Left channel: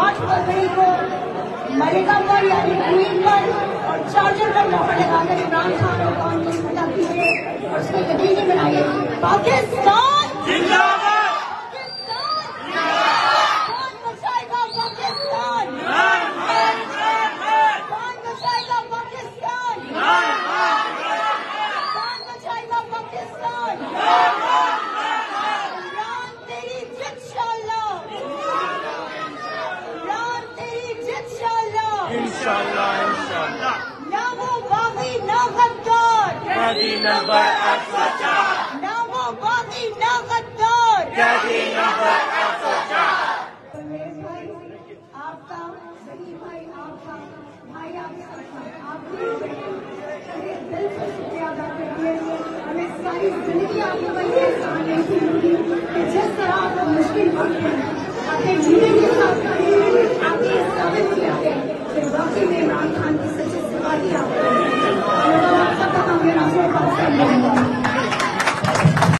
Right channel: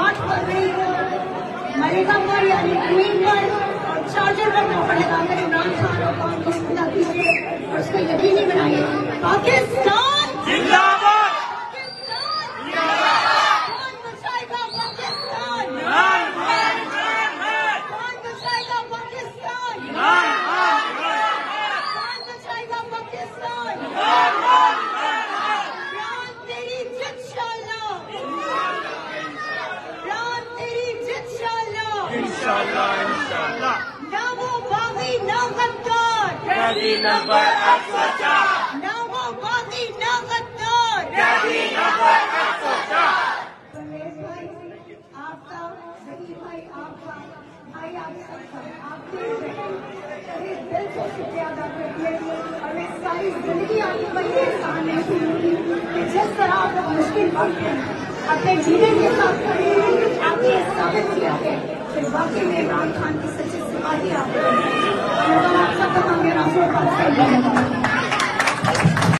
8 फरवरी को मलेगा पर यानी टीम पर और चार्जर करना पड़ेगा अगर इमरान खान को काम को पूरा कीजिए और उसको यकीनी बनाइए। पाकिस्तान जिंदाबाद, पाकिस्तान जिंदाबाद, कौन बचाएगा पाकिस्तान, कौन बचाएगा पाकिस्तान, कौन बचाएगा पाकिस्तान। राम तेरी इंशाअल्लाह, राम तेरी इंशाअल्लाह, इंशाअल्लाह ना वो बागी ना गद्दार, गाड़ी नंबर 804, ना वो बागी ना गद्दार, गाड़ी नंबर 804। आपका जकी भाई, आपका भाई, आप सबका आपके दिल से शुक्रिया अदा करती है और मैं सारी जिंदगी आपको वही एहसान रखूंगी कि जिस तरह आप मुश्किल वक्त में अपने जीवन के साथ खड़े हैं, आपने ये साबित किया है कि वाकई में इमरान खान की सच्ची सिपाही आप हैं। और आप सबका मेरा